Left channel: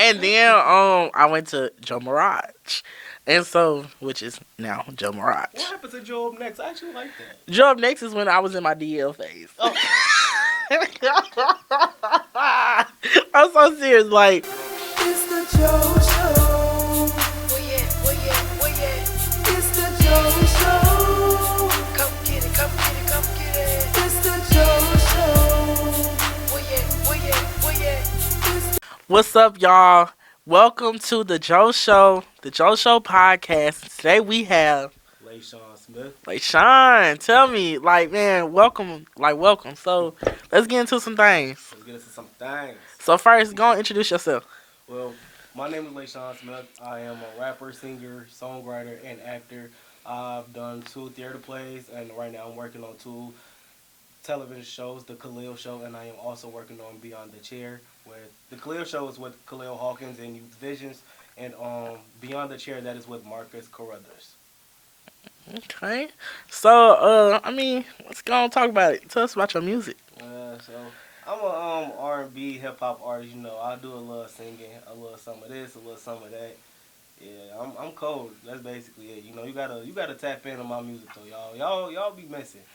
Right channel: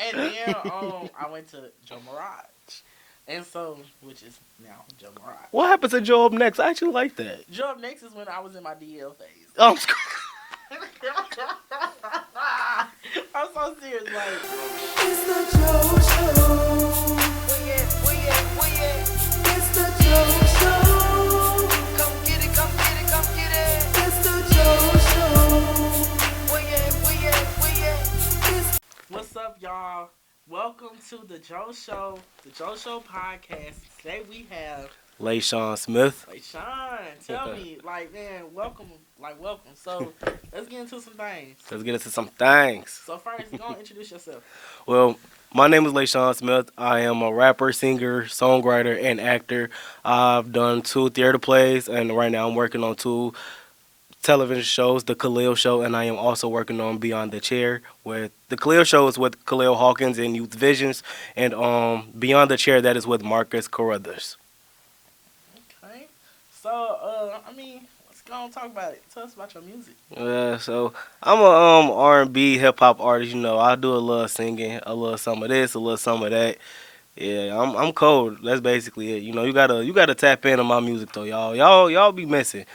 And then I went to Joe Mirage. And so, which is now Joe Mirage. What happened to Joe Up Next? I actually like that. Joe Up Next is when I was in my DL phase. Oh. I'm so serious. Like, It's the Joe Show. It's the Joe Show. Come get it, come get it, come get it. It's the Joe Show. what's up, y'all? Welcome to the Joe Show, the Joe Show podcast. Today we have Layshon Smith. Layshon. Tell me, man, welcome. So let's get into some things. Let's get into some things. So first, go and introduce yourself. Well, my name is Layshon Smith. I am a rapper, singer, songwriter, and actor. I've done 2 theater plays, and right now I'm working on 2 television shows, The Khalil Show, and I am also working on Beyond the Chair. With The Khalil Show is with Khalil Hawkins and Youth Visions, and Beyond the Chair, that is with Marcus Carruthers. Okay. So, let's go and talk about it. Tell us about your music. So I'm a R&B hip hop artist. You know, I do a little singing, a little some of this, a little some of that. Yeah, I'm cold. That's basically it. You know, you gotta tap into my music though, y'all. Y'all be missing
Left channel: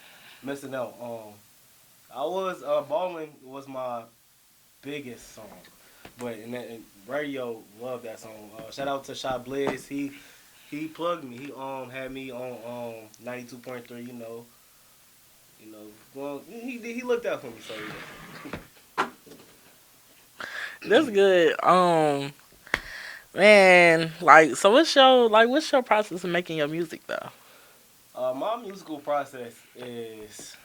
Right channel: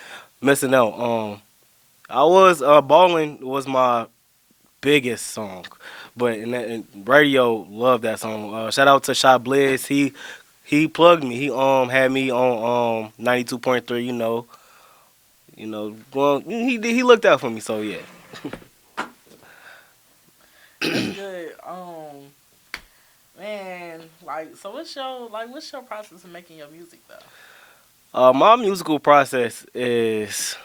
out. I was Ballin' was my biggest song, but in radio loved that song. Shout out to Shot Blizz. He plugged me. He had me on 92.3. Well, he looked out for me. So yeah. That's good. Man, so what's your process of making your music though? My musical process is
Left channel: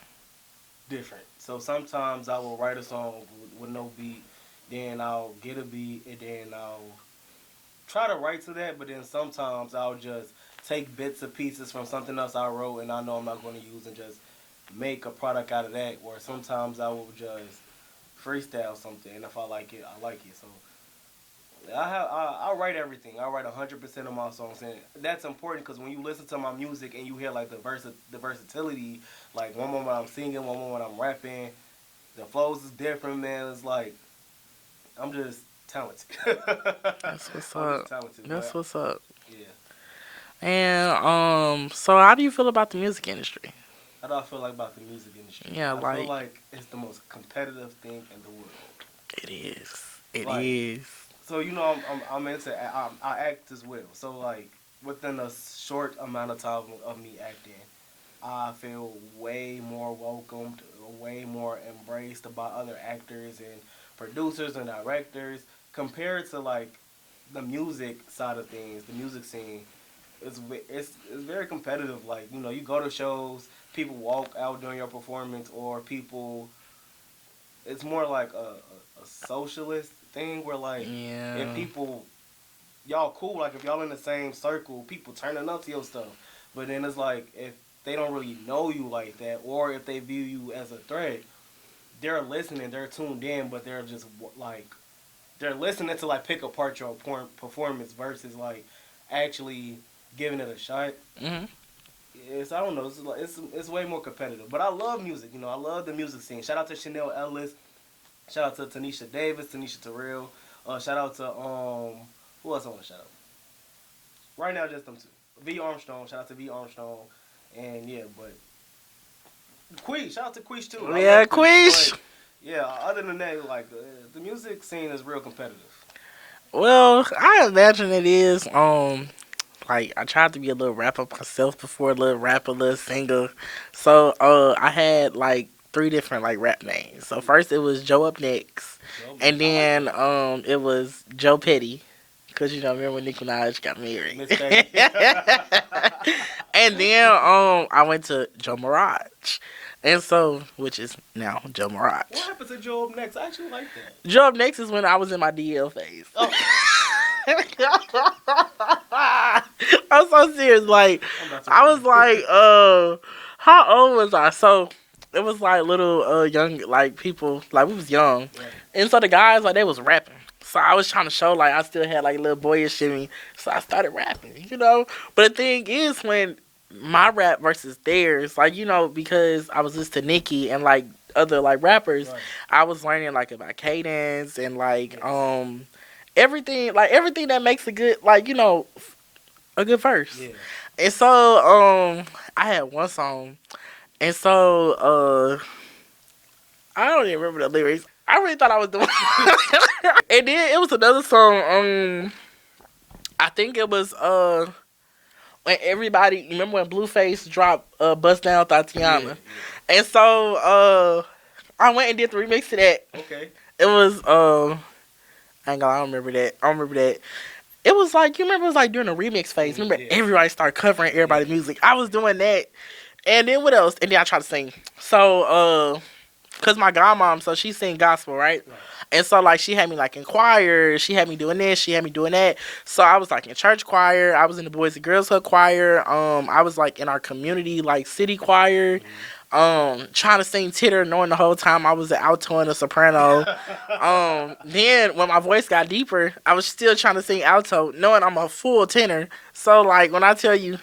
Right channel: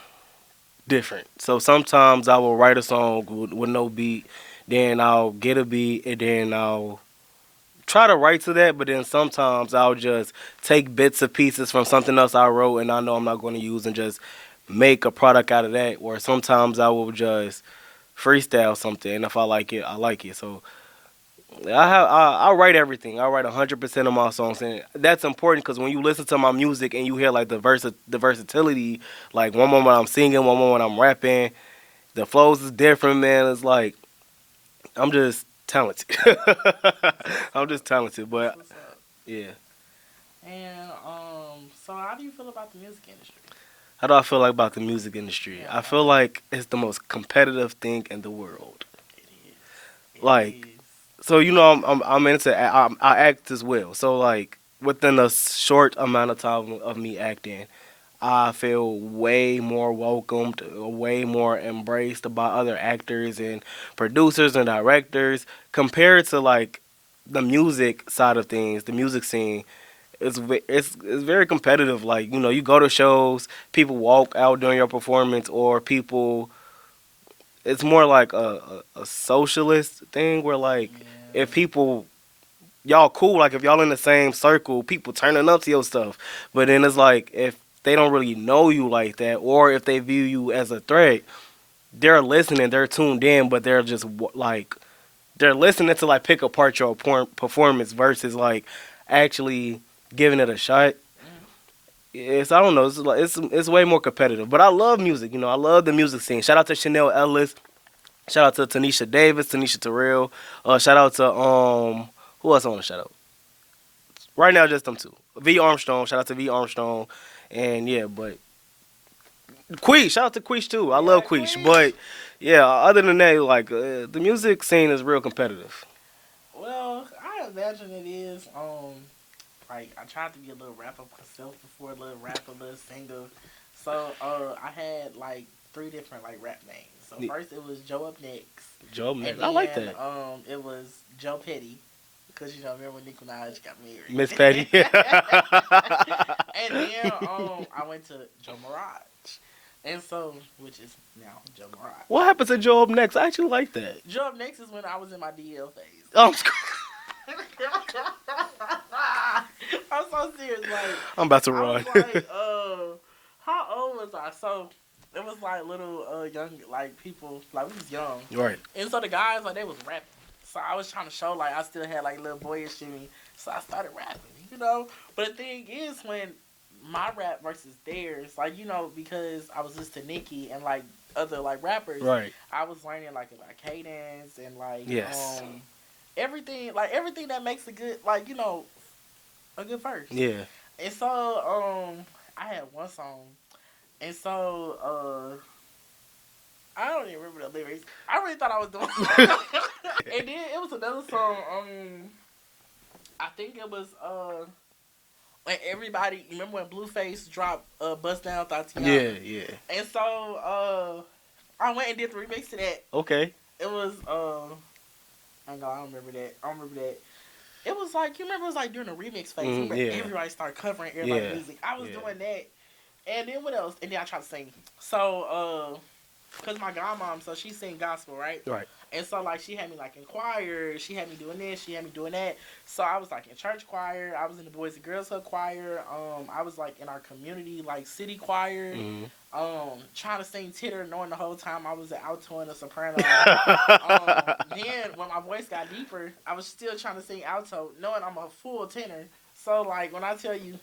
different. So sometimes I will write a song with no beat, then I'll get a beat, and then I'll try to write to that, but then sometimes I'll just take bits and pieces from something else I wrote and I know I'm not going to use and just make a product out of that. Or sometimes I will just freestyle something, and if I like it, I like it. So I write everything. I write 100% of my songs, and that's important because when you listen to my music and you hear like the versatility, like one moment I'm singing, one moment I'm rapping, the flows is different, man. It's like I'm just talented. I'm just talented. That's what's up. Yeah. And so how do you feel about the music industry? How do I feel about the music industry? Yeah, I feel like it's the most competitive thing in the world. It is. It is. So I'm into I act as well. So like within a short amount of time of me acting, I feel way more welcomed, way more embraced by other actors and producers and directors compared to like the music side of things, the music scene. It's very competitive. Like, you go to shows, people walk out during your performance, or people. It's more like a socialist thing where like if people y'all cool, like if y'all in the same circle, people turning up to your stuff. But then it's like if they don't really know you like that, or if they view you as a threat, they're listening, they're tuned in, but they're just like they're listening to like pick apart your performance versus like actually giving it a shot. Mm-hmm. Yes, I don't know. It's way more competitive, but I love music. I love the music scene. Shout out to Chanel Ellis. Shout out to Tanisha Davis, Tanisha Terrell. Shout out to who else I want to shout out? Right now, just them 2. V Armstrong. Shout out to V Armstrong. And yeah, but Queesh, shout out to Queesh too. I love Queesh. But yeah, other than that, like the music scene is real competitive. Well, I imagine it is. I tried to be a little rapper myself before, a little singer. So I had like 3 different like rap names. So first it was Joe Up Next, and then it was Joe Petty. Because, remember when Nicki Minaj got married? Miss Petty. And then I went to Joe Mirage. And so, which is now Joe Mirage. What happened to Joe Up Next? I actually like that. Joe Up Next is when I was in my DL phase. Oh. I'm so serious. Like, I'm about to I run. was like, how old was I? So, it was like little young, like people, like we was young. Right. And so the guys, like, they was rapping. So I was trying to show, like, I still had, like, little boyish in me. So I started rapping, But the thing is, when my rap versus theirs, like, because I was listening to Nicki and, like, other, like, rappers, right. I was learning, like, about cadence and, like, yes. everything that makes a good, a good verse. Yeah. And so I had one song, and so I don't even remember the lyrics. I really thought I was doing. And then it was another song. I think it was when everybody remember when Blueface dropped "Bust Down Tatiana," Yeah. and so I went and did the remix to that. Okay. It was I ain't gonna. I don't remember that. I don't remember that. It was like you remember it was like during the remix phase. Remember Yeah. everybody started covering everybody's Yeah. music. I was doing that, and then what else? And then I tried to sing. So cause my godmom, so she sing gospel, right? Right. And so like she had me like in choir, she had me doing this, she had me doing that. So I was like in church choir, I was in the Boys and Girls Club choir, I was like in our community like city choir, trying to sing tenor, knowing the whole time I was an alto and a soprano. Then when my voice got deeper, I was still trying to sing alto, knowing I'm a full tenor. So like when I tell you,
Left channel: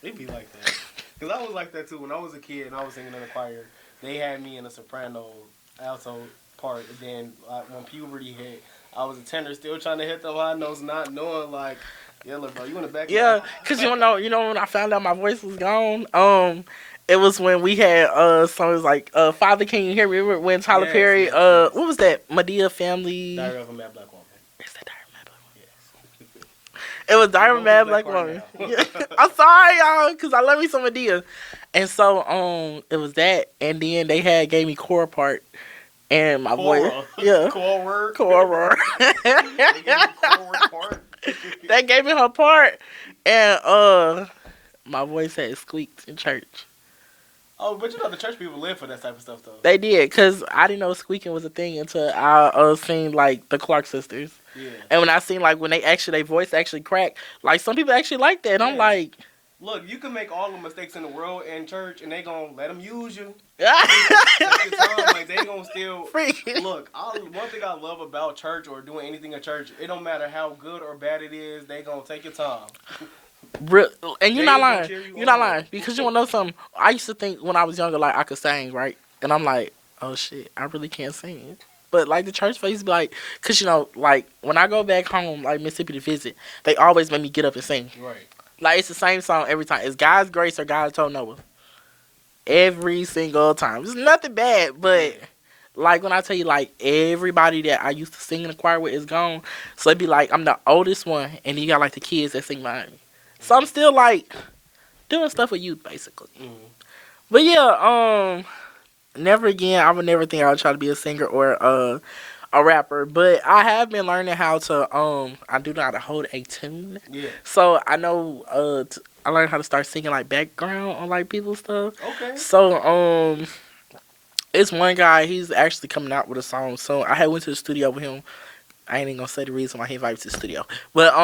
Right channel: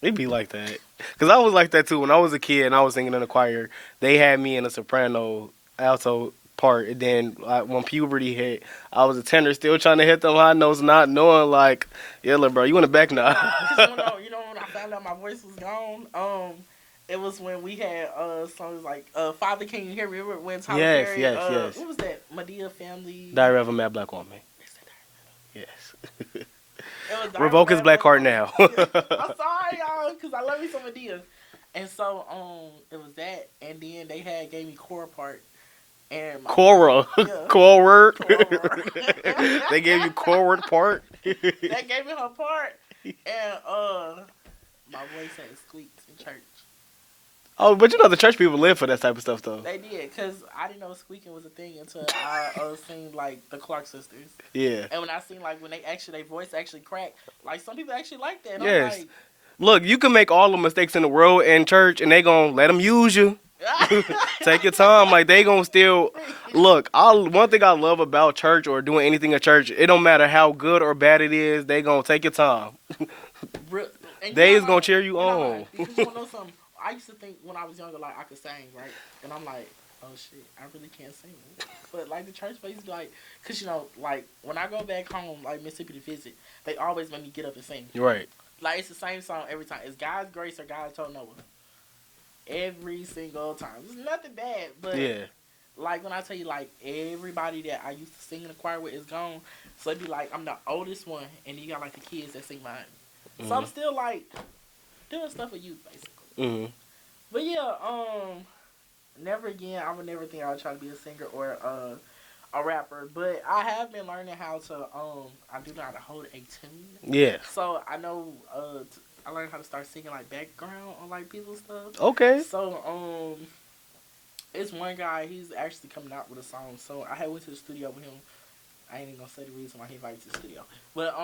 It be like that. Because I was like that too. When I was a kid and I was singing in the choir, they had me in a soprano alto part. And then when puberty hit, I was a tenor still trying to hit them high notes, not knowing like, yeah, look, bro, you in the back now. yeah, because you know when I found out my voice was gone, it was when we had songs like Father Can You Hear Me? Remember when Tyler Yes, Perry yes. what was that? Medea Family. Diary of a Mad Black Woman. Is that Diary of a Mad Yes. It was Diary of a Revoke his Mad black card Woman. now. Yeah. I'm sorry, y'all, because I love me some Medea. And so it was that, and then they gave me core part. And my Cora. voice, yeah. Core work. Cora. They gave you core work part. They gave me her part, and my voice had squeaked in church. Oh, but you know the church people live for that type of stuff though. They did, because I didn't know squeaking was a thing until I seen, like, the Clark sisters. Yeah. And when I seen, like, when their voice actually cracked, like, some people actually like that. And I'm Yes. like... Look, you can make all the mistakes in the world in church, and they gonna let them use you. Take your time. Like, they gonna still... Look, one thing I love about church or doing anything at church, it don't matter how good or bad it is, they gonna take your time. And you're They not is lying. gonna cheer you You're on. not lying. Because you want to know something? I used to think when I was younger, like, I could sing, right? And I'm like, oh, shit, I really can't sing. But, like, the church folks be like, because, like, when I go back home, like, Mississippi to visit, they always make me get up and sing. Right. Like, it's the same song every time. It's God's Grace or God Told Noah. Every single time. It's nothing bad, but... Yeah. Like, when I tell you, like, everybody that I used to sing in the choir with is gone. So it'd be like, I'm the oldest one, and then you got, like, the kids that sing behind me. So I'm still, like, doing stuff with youth, basically. Mm-hmm. But, yeah, never again. I would never think I would try to be a singer or a rapper. But I have been learning how to, I do know how to hold a tune. Yeah. So I know, I learned how to start singing, like, background on, like, people's stuff. Okay. So, it's one guy, he's actually coming out with a song. So I had went to the studio with him. I ain't even gonna say the reason why he invited me to the studio. But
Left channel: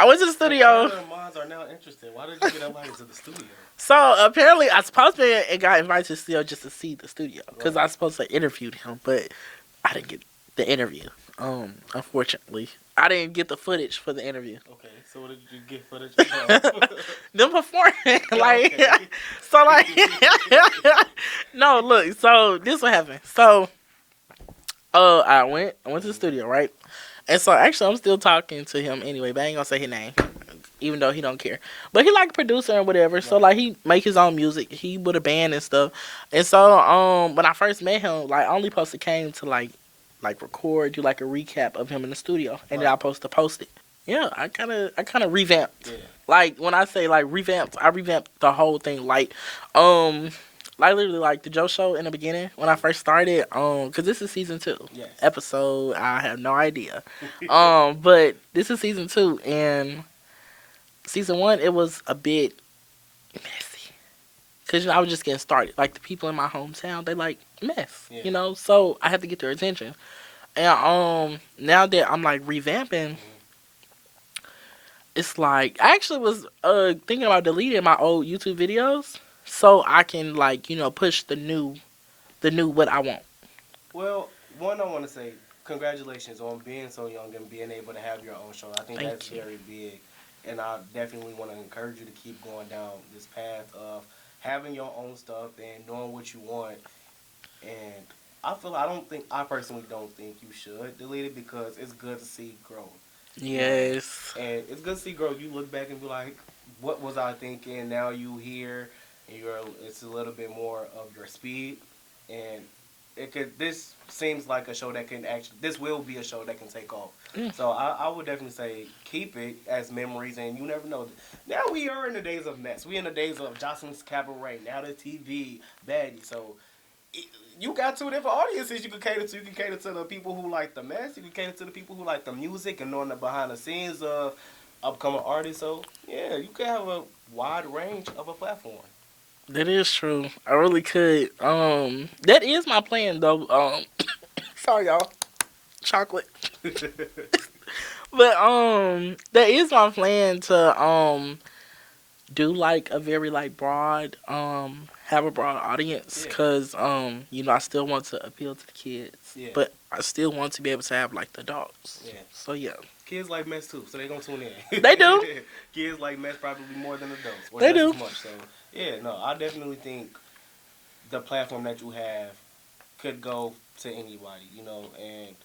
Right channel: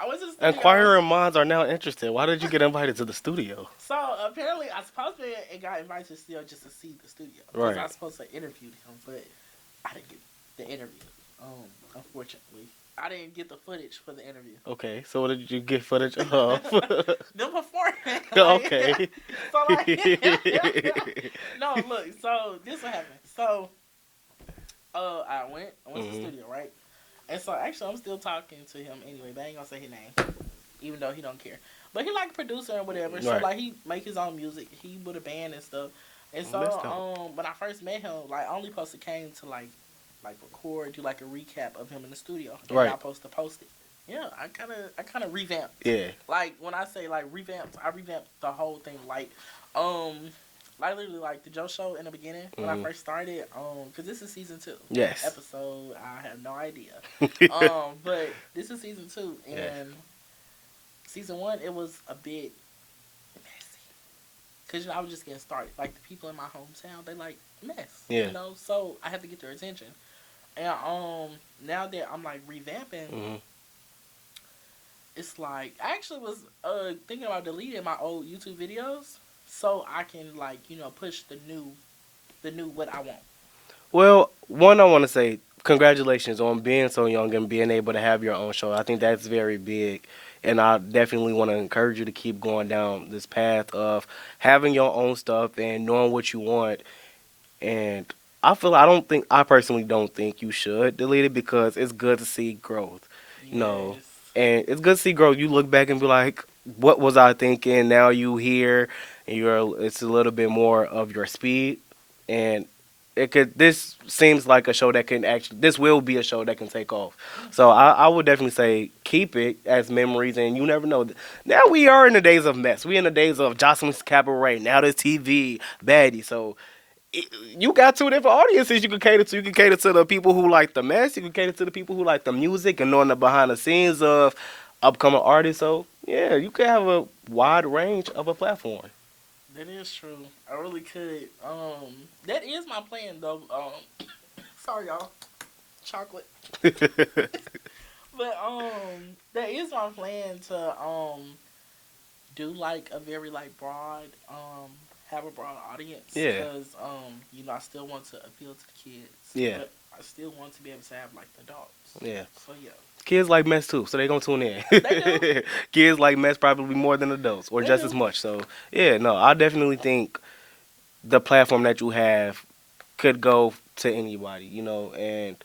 I went to the studio. Inquiring minds are now interested. Why did you get invited to the studio? So apparently I supposed to be and got invited to the studio just to see the studio. Because Right. I was supposed to interview him, but I didn't get the interview. Unfortunately. I didn't get the footage for the interview. Okay, so what did you get footage of? Them performing. Like, Okay. So like no, look, so this what happened. So I went to the studio, right? And so actually I'm still talking to him anyway, but I ain't gonna say his name. Even though he don't care. But he like a producer and whatever. So Right. like he make his own music. He with a band and stuff. And so when I first met him, like I only supposed to came to like record, do like a recap of him in the studio. And Right. then I supposed to post it. Yeah, I kinda revamped. Yeah. Like when I say like revamped, I revamped the whole thing. Like literally like TheJoShow in the beginning when I first started, cause this is season 2. Yes. Episode, I have no idea. But this is season 2 and season 1 it was a bit messy. Cause I was just getting started. Like the people in my hometown, they like mess. Yeah. So I had to get their attention. And now that I'm like revamping, it's like I actually was thinking about deleting my old YouTube videos so I can like push the new what I want. Well, one, I want to say congratulations on being so young and being able to have your own show. I think that's very big. And I definitely want to encourage you to keep going down this path of having your own stuff and knowing what you want. And I personally don't think you should delete it because it's good to see growth, you know, Yes. and it's good to see growth. You look back and be like, what was I thinking? Now you here, and it's a little bit more of your speed, and this seems like a show that can actually, this will be a show that can take off. Yeah. So I would definitely say keep it as memories, and you never know. Now we are in the days of mess. We in the days of Jocelyn's Cabaret. Now there's TV, baddie. So you got two different audiences you can cater to. You can cater to the people who like the mess. You can cater to the people who like the music and knowing the behind the scenes of upcoming artists. So yeah, you can have a wide range of a platform. That is true. I really could. That is my plan though. Sorry y'all. Chocolate. But that is my plan to do like a very like broad have a broad audience Yeah, because I still want to appeal to the kids, yeah, but I still want to be able to have like the adults. yeah. So yeah, Kids like mess too, so they gonna tune in. they do. Kids like mess probably more than adults, or They just do. as much. So yeah, no, I definitely think the platform that you have could go to anybody, and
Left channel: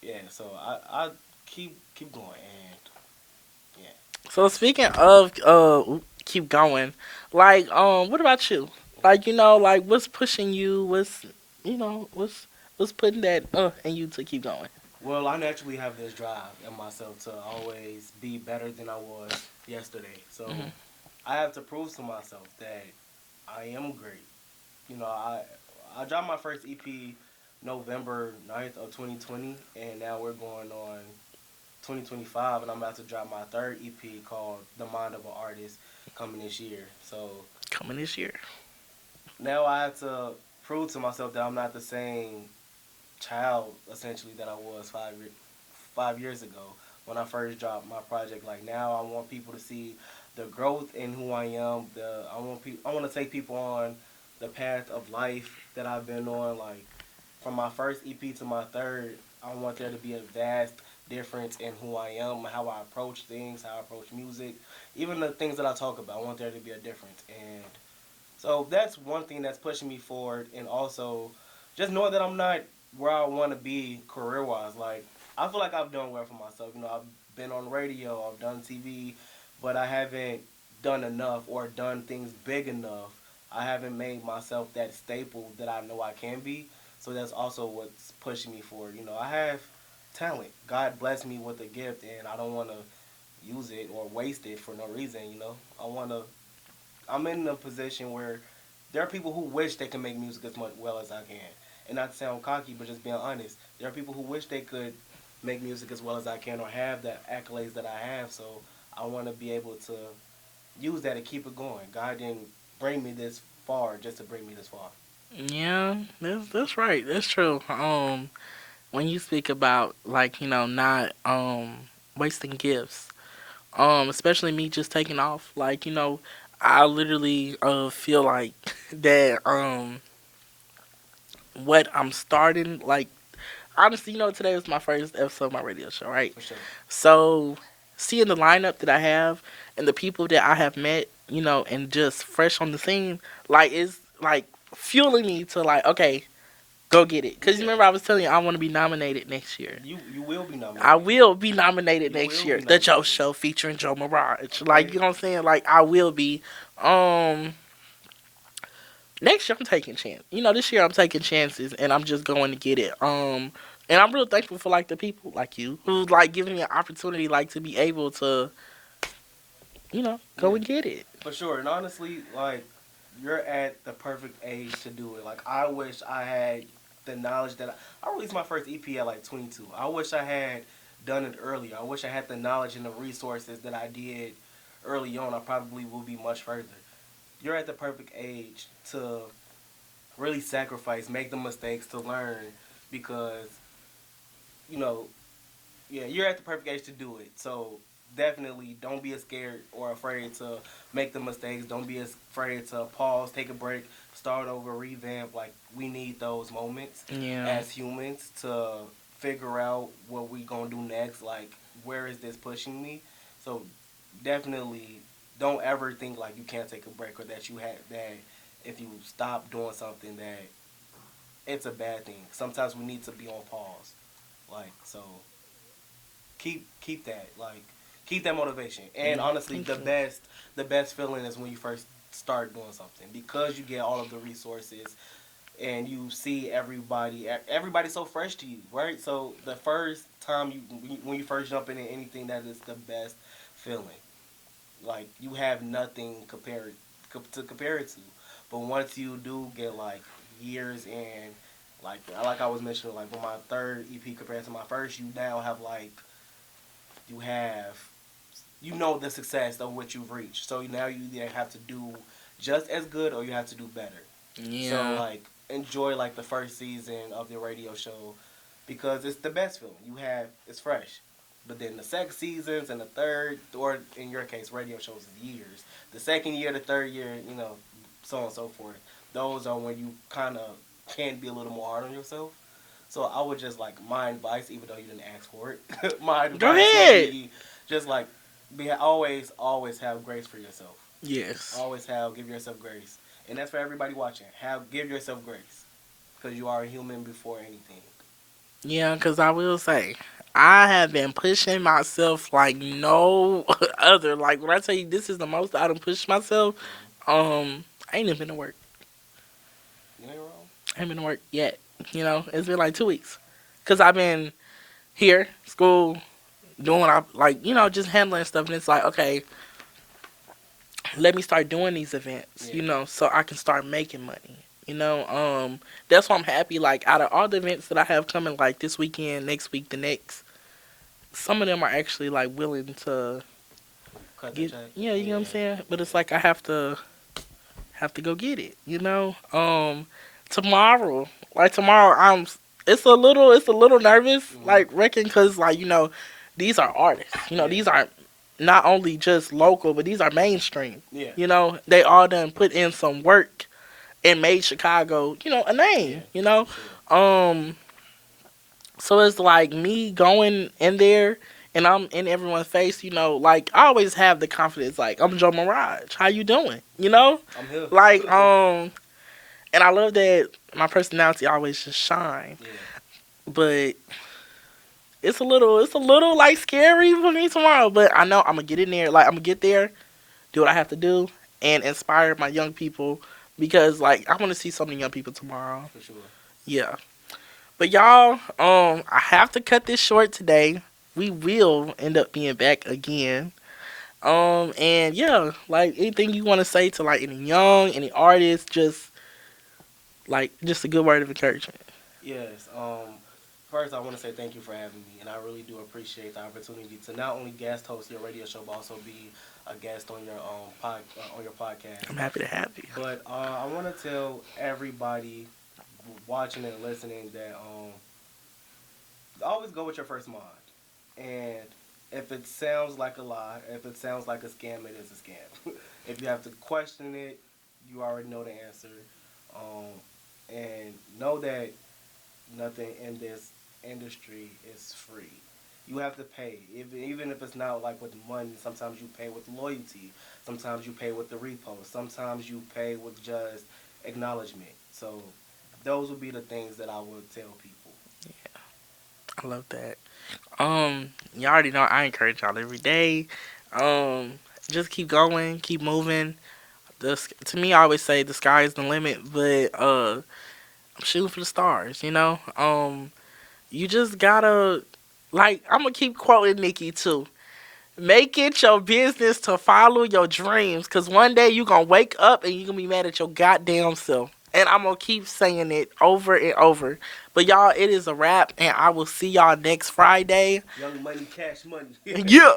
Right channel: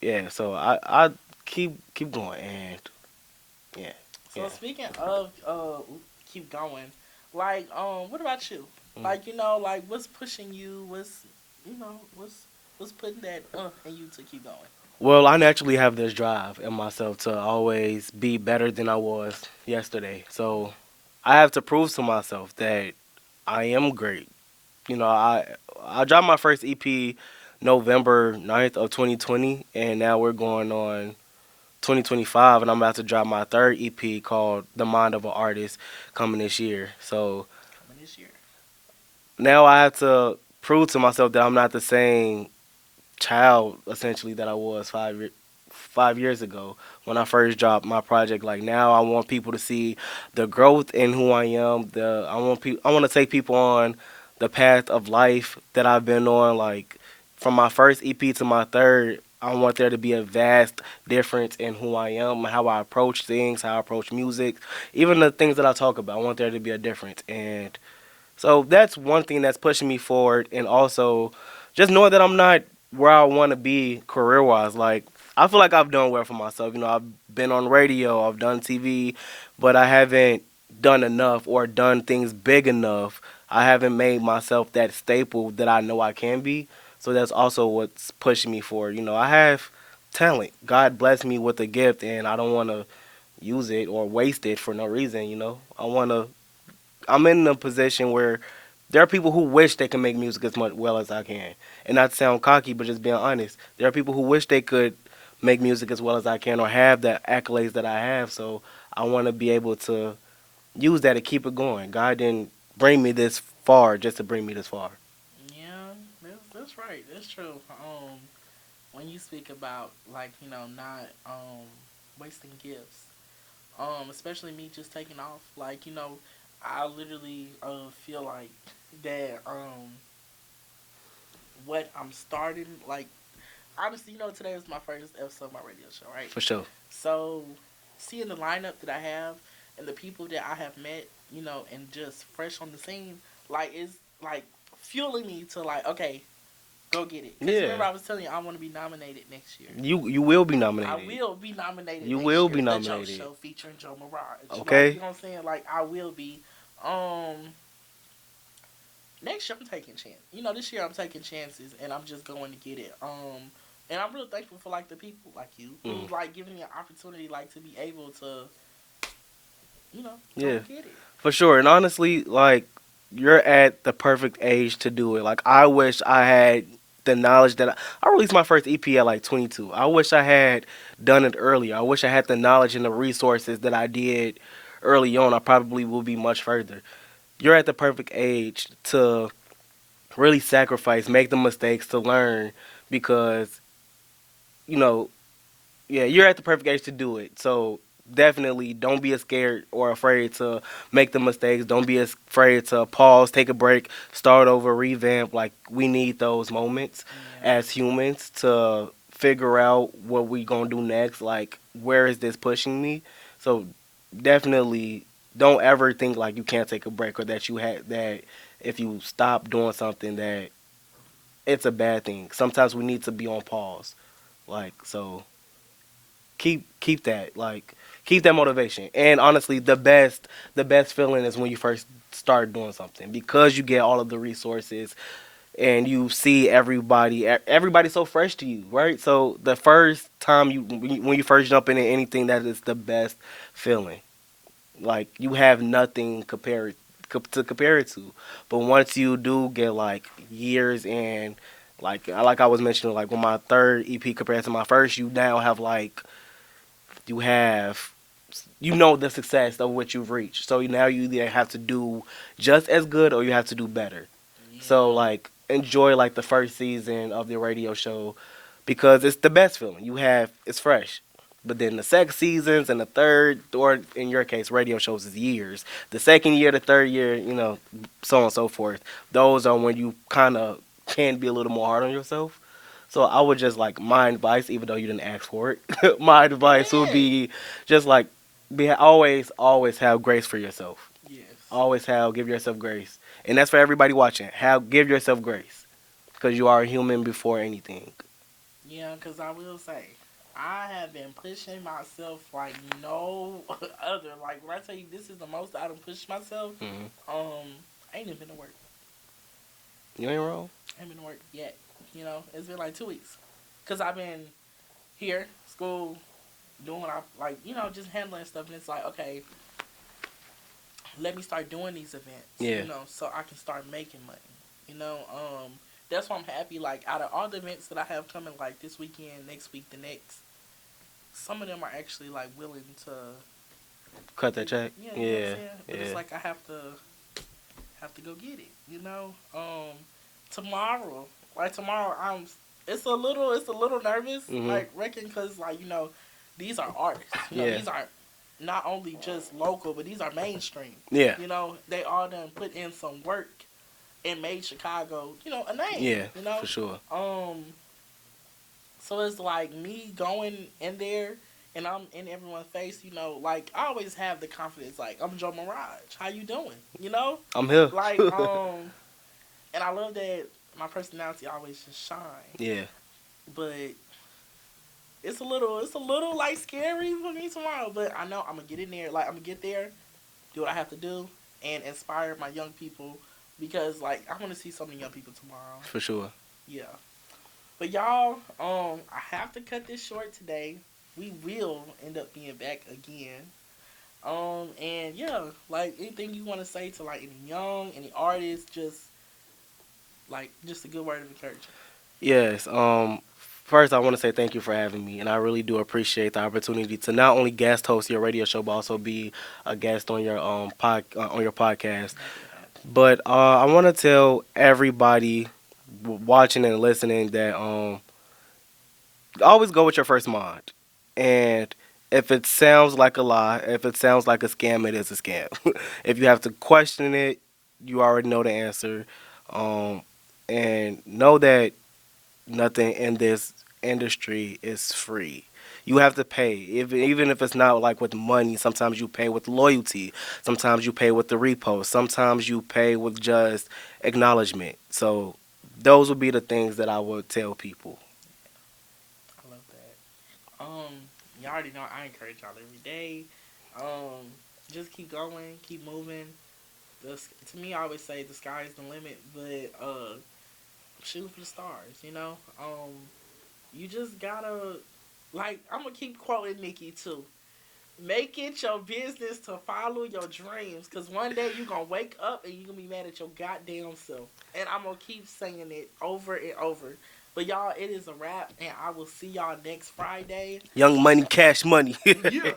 yeah. So I keep going, and yeah. So speaking of keep going, like what about you? Like like what's pushing you? What's putting that in you to keep going? Well, I naturally have this drive in myself to always be better than I was yesterday. Mm. So I have to prove to myself that I am great. I dropped my first EP November 9th of 2020, and now we're going on 2025, and I'm about to drop my third EP called The Mind of an Artist coming this year. So Coming this year. now I have to prove to myself that I'm not the same child essentially that I was 5 years ago when I first dropped my project. Like now, I want people to see the growth in who I am. I want to take people on the path of life that I've been on. Like from my first EP to my third, I want there to be a vast difference in who I am, how I approach things, how I approach music, even the things that I talk about. I want there to be a difference, and so that's one thing that's pushing me forward, and also just knowing that I'm not where I want to be career wise. Like I feel like I've done well for myself. I've been on radio, I've done TV, but I haven't done enough or done things big enough. I haven't made myself that staple that I know I can be. So that's also what's pushing me forward. I have talent. God blessed me with a gift, and I don't want to use it or waste it for no reason. I want to. I'm in a position where there are people who wish they can make music as much well as I can, and not to sound cocky, but just being honest. There are people who wish they could make music as well as I can or have the accolades that I have. So I want to be able to use that to keep it going. God didn't bring me this far just to bring me this far. Yeah, that's right. That's true. When you speak about like not wasting gifts, especially me just taking off, like I literally feel like that what I'm starting like honestly, today was my first episode of my radio show, right? For sure. So seeing the lineup that I have and the people that I have met, and just fresh on the scene, like it's like fueling me to like, okay, go get it. Because Yeah. remember I was telling you I want to be nominated next year. You will be nominated. I will be nominated You next will year. be The Joe nominated. Show featuring Joe Mirage. Okay. Like, you know what I'm saying? Like, I will be. Next year I'm taking chance. This year I'm taking chances and I'm just going to get it. And I'm real thankful for like the people like you who's like giving me an opportunity like to be able to, go Yeah. and get it. For sure. And honestly, like, you're at the perfect age to do it. Like, I wish I had the knowledge that I released my first EP at like 22. I wish I had done it earlier. I wish I had the knowledge and the resources that I did early on. I probably will be much further. You're at the perfect age to really sacrifice, make the mistakes to learn because, you know, yeah, you're at the perfect age to do it. So definitely don't be scared or afraid to make the mistakes. Don't be afraid to pause, take a break, start over, revamp. Like, we need those moments Yeah. as humans to figure out what we gonna do next. Like, where is this pushing me? So definitely don't ever think like you can't take a break or that you had that if you stop doing something that it's a bad thing. Sometimes we need to be on pause. Like so, keep that keep that motivation. And honestly, the best feeling is when you first start doing something because you get all of the resources and you see everybody's so fresh to you, right? So the first time when you first jump into anything, that is the best feeling. Like you have nothing to compare it to. But once you do get like years and like I was mentioning, like with my third EP compared to my first, you now have you have the success of what you've reached. So now you either have to do just as good or you have to do better. So Yeah. like enjoy like the first season of the radio show because it's the best feeling. It's fresh. But then the second seasons and the third, or in your case, radio shows is years. The second year, the third year, so on and so forth. Those are when you kind of can be a little more hard on yourself. So I would just like my advice, even though you didn't ask for it, my Go advice would ahead. be just like always have grace for yourself. Yes. Always give yourself grace, and that's for everybody watching. Give yourself grace, because you are a human before anything. Yeah, because I will say, I have been pushing myself like no other. Like when I tell you this is the most I done pushed myself, Hmm. I ain't even been to work. You ain't wrong. I ain't been to work yet. It's been like 2 weeks. Because I've been here, school, doing what I like, just handling stuff. And it's like, okay, let me start doing these events, Yeah. so I can start making money. That's why I'm happy. Like out of all the events that I have coming, like this weekend, next week, the next, some of them are actually like willing to Cut the check. yeah, you know what I'm saying. But it's Yeah. like I have to go get it. Tomorrow, like tomorrow, it's a little nervous, Mhm. like reckon, cause like these are artists. Yeah. These are not only just local, but these are mainstream. Yeah. They all done put in some work and made Chicago, a name. Yeah. For sure. So it's like me going in there and I'm in everyone's face, like I always have the confidence, like I'm Joe Mirage. How you doing? I'm here. Like and I love that my personality always just shine. Yeah. But it's a little like scary for me tomorrow. But I know I'm gonna get in there. Like I'm gonna get there, do what I have to do, and inspire my young people because like I want to see so many young people tomorrow. For sure. Yeah. But y'all, I have to cut this short today. We will end up being back again. And yeah, like anything you want to say to like any young, any artist, just a good word of encouragement. Yes. First, I want to say thank you for having me, and I really do appreciate the opportunity to not only guest host your radio show, but also be a guest on your on your podcast. I'm happy to have you. But I want to tell everybody watching and listening that always go with your first mind, and if it sounds like a lie, if it sounds like a scam, it is a scam. If you have to question it, you already know the answer, and know that nothing in this industry is free. You have to pay, even if it's not like with money. Sometimes you pay with loyalty. Sometimes you pay with the repost. Sometimes you pay with just acknowledgement. So those would be the things that I would tell people. I love that. You already know I encourage y'all every day. Um, just keep going, keep moving. To me, I always say the sky is the limit, but I'm shooting for the stars. You just gotta like I'm gonna keep quoting Nikki too. Make it your business to follow your dreams, cause one day you gonna wake up and you gonna be mad at your goddamn self. And I'm gonna keep saying it over and over. But y'all, it is a wrap, and I will see y'all next Friday. Young money, cash money. Yeah.